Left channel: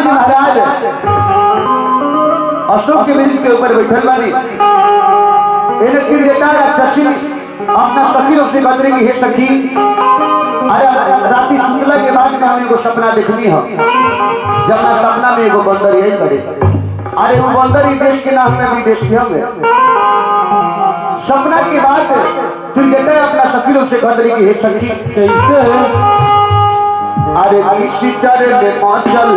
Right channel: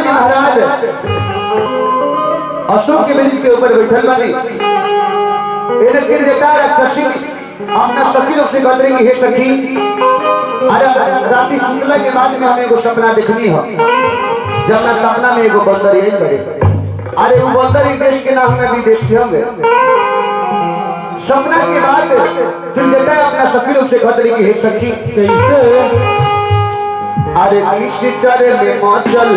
हनुमान जी महाराज अशोक के वृक्ष के ऊपर बैठल बनी। इन्हें किरदार राक्षसी अपना सखी लोग से गदरी हे सखी, अरे राती सुतला के बाद में हमें एगो सपना देखनी हो। जब ना सपना में एगो बंदर यही बड़े, अरे वो बंदर ही देश के नाम में भी देखते होंगे। सपना के बाद फिर कहता है अपना सखी लोग से गदरी की हे सखी कैसे, अरे किसी तरह में मचल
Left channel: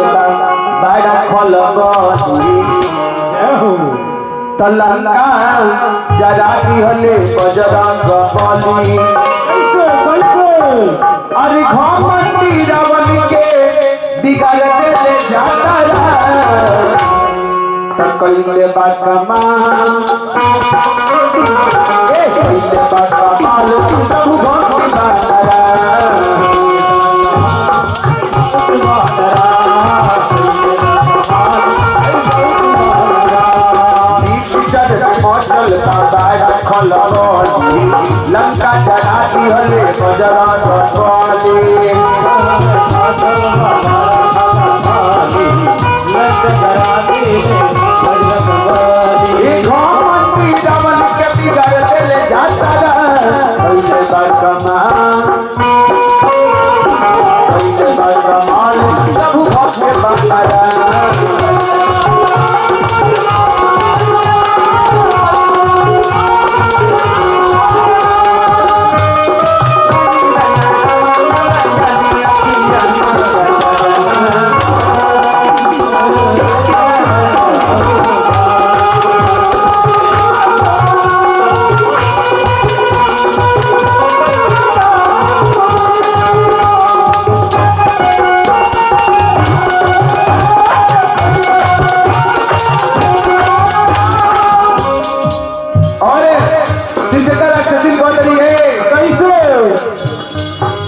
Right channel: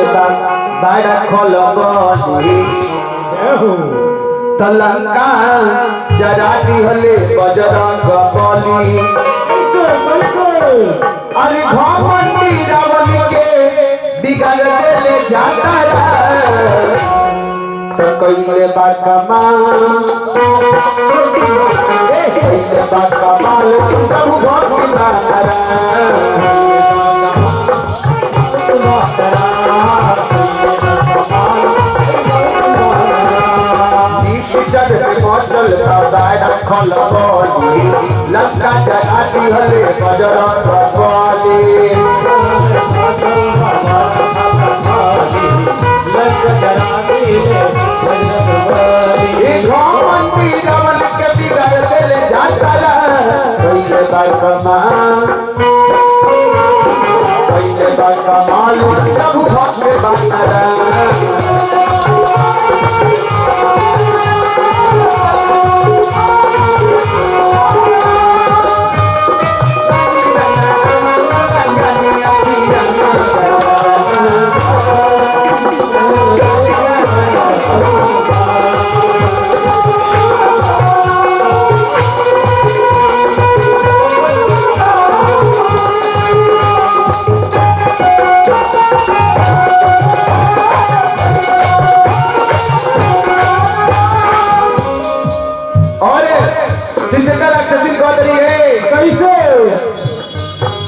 बड़ा खलबली तलंका जरा दिहले बजरंग बली। अरे घमंडी रावण के बिगाड़ देले जाता तो कइले बा कमाल, कइले बा कमाल तू भक्ति बारा लंका जरा दिहले बजरंग बली। घमंडी रावण के बिगाड़ देले जाता कइले बा कमाल, कइले बा कमाल प्रभु भक्त बारा।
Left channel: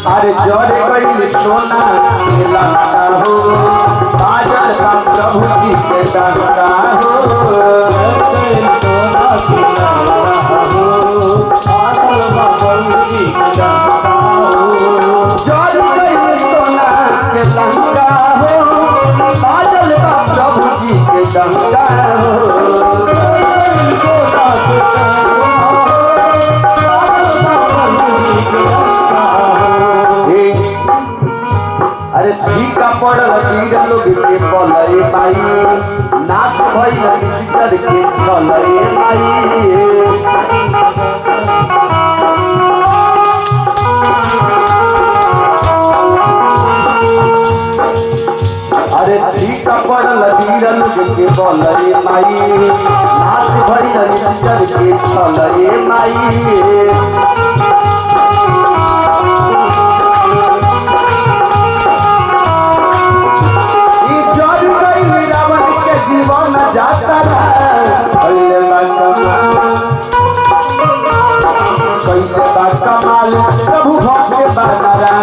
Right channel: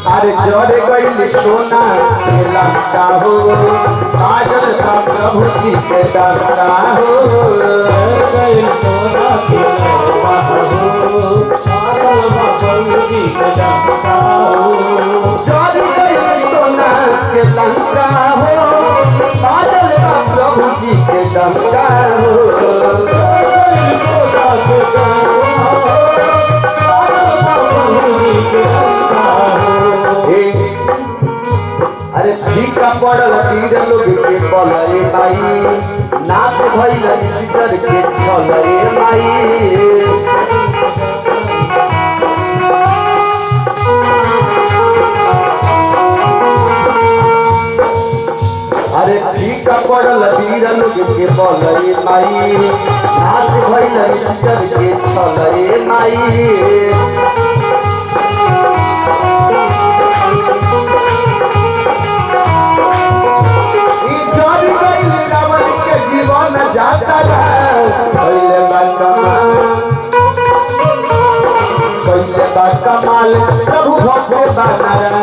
अरे जोरे गई सोना लंका हो, काजल का प्रभु जी के दंगा हो। जोरे गई सोना के लंका हो, काजल का प्रभु जी के दंगा हो। अरे फीका पड़ल तीर लोग के पलए माई, नाच भइल सीकर के छलए माई। अरे फीका पड़ल तीर लोग के पलए माई, नाच भइल सीकर के छलए माई। जीवन जाता कइले बा कमाल, कइले बा कमाल प्रभु भक्त बारा।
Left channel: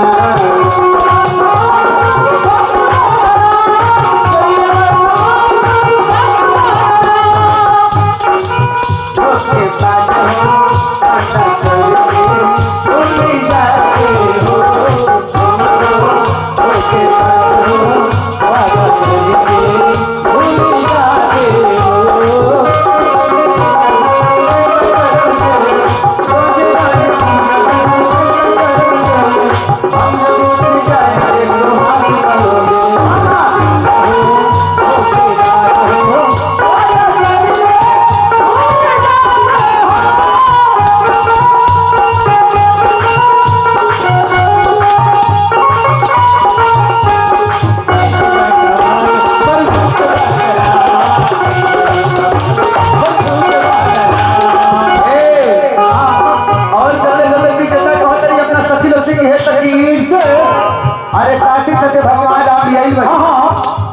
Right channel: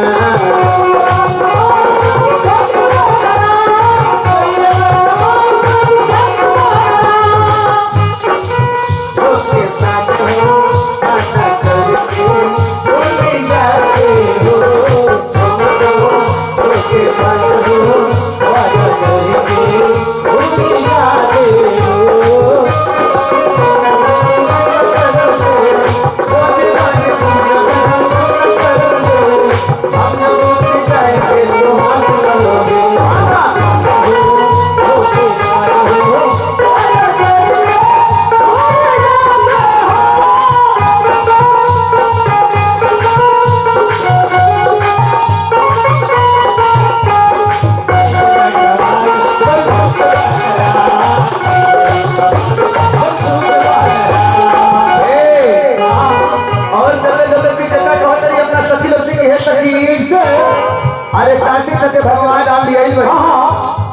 अरे काटे काटे भगवान राम भी आई बनी।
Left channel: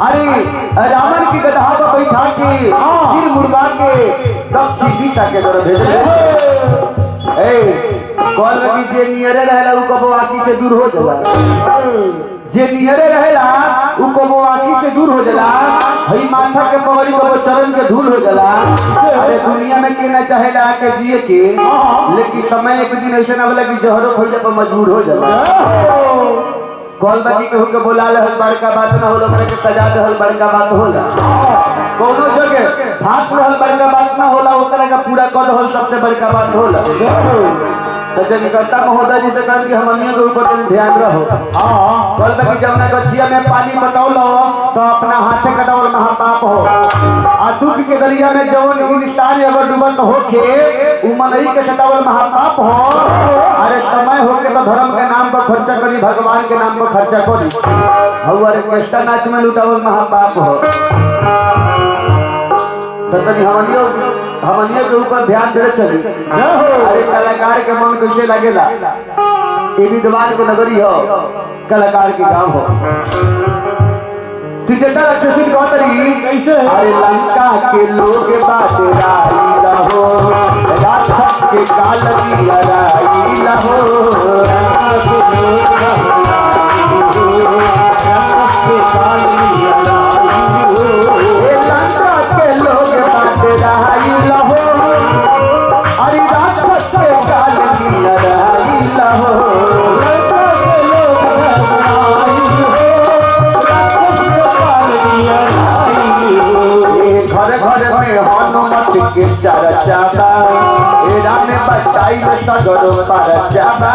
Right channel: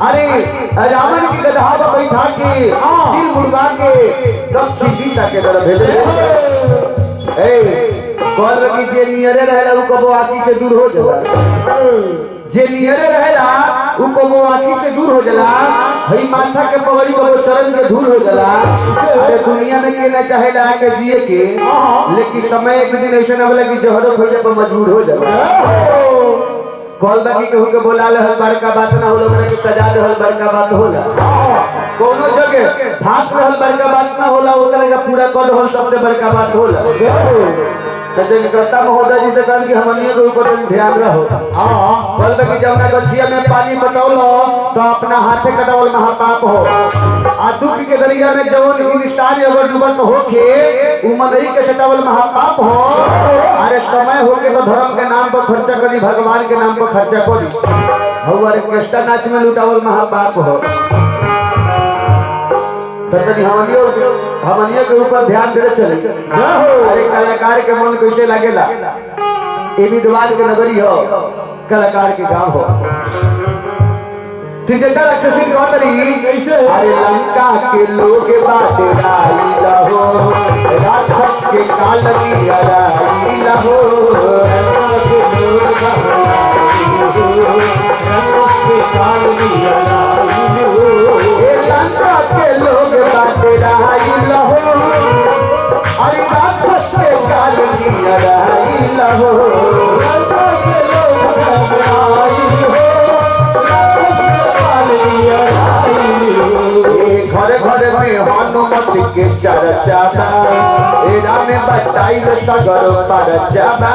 अरे रावण की गधा पर बैठा के सिर मुर्गा के तब सीता के तरफ भेज दे। ए कॉल रखी जे नियरे रहेला उ कबो आंखी से दूर हो जाला, जे नियरे रहेला उ कबो आंखी से दूर हो जाला। हई माथा के पगड़ी कबो चरण के धूल हो जाला। अरे दुनिया में के ना चाहेला के जिए के, लेकिन समय एक दिन ऐसा ना बोला कि जहरो खोजे पर मजबूर हो जाला। कॉल बाकी केहू के बोला रहल बड़का बात ना होला, ओकरा के सजा रहल बड़का बात होला। कोनो जगह हाथ रहल बड़का बात ना होला, ओकरा का पूरा कर रहल सबसे बड़का बात होला। तो जनकर्ता महोदय जी से कहन कि हमनियों के ऊपर ध्यान रहो। कल बाकी जमुना गछिया में पानी पटौलो तो अपना हाथे कटवल महापाप हो। आ दुख के दरिया में जौन इंसान अगर डूबल तो होके उ मनई के कटवल महापाप हो। अरे समय होके तो धर्म के नाम पर खर्चा करी, भगवान के नाम पर खर्चा करी। और कृष्ण नाच में लुटावल महापाप हो। तो तनी हमनियों के ऊपर ध्यान देते चली। अरे कलाकार के मन कैसे लगेला, ये विद्वान के नगरी हो, कलाकार के गांव हो। त्रिजटा राक्षसी कौतरी कैसे? अरे लंका के लोग बाटे राही लहो, राक्षस के काल की राही लहो। लंका के लोग बाटे राही लहो, अरे राक्षस के काल की राही लहो। घर घर में हनुमत के चर्चा बा, एरा में बटाई सगरो परचा बा।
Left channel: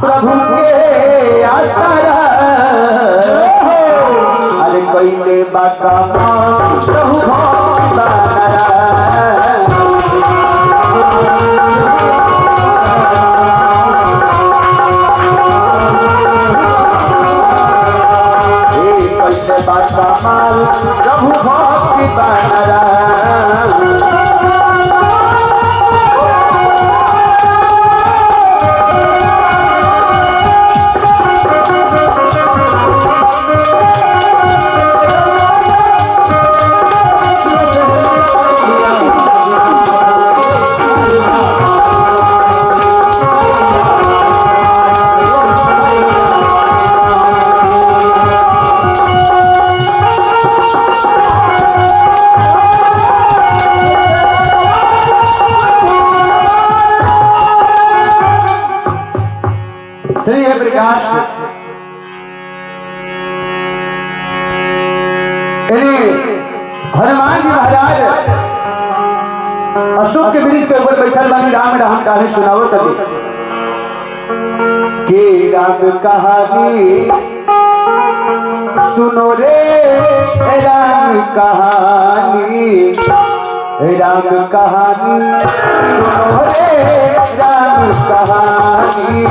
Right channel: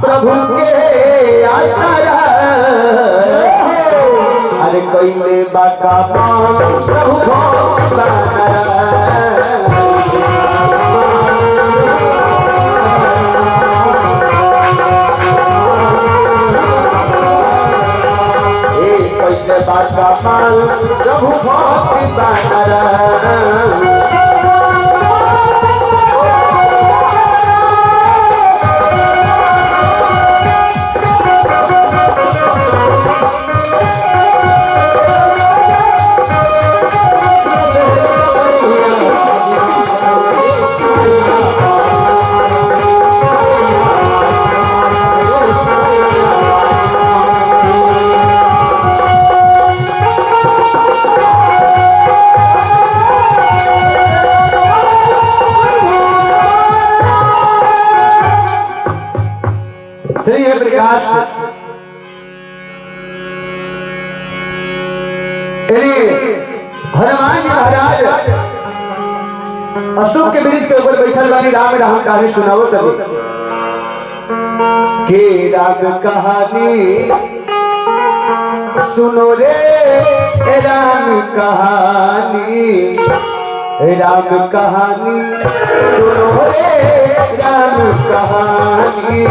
प्रभु के आसरा अरे कैले बाका प्रभु बानरा। कैले बाका माल प्रभु बानरा। प्रकार हनुमान जी महाराज अशोक के वृक्ष के ऊपर बैठल बनी राम राम कहानी सुनावो तभी के राम कहानी सुनो रे राम कहानी, राम कहानी सुनो रे राम कहानी।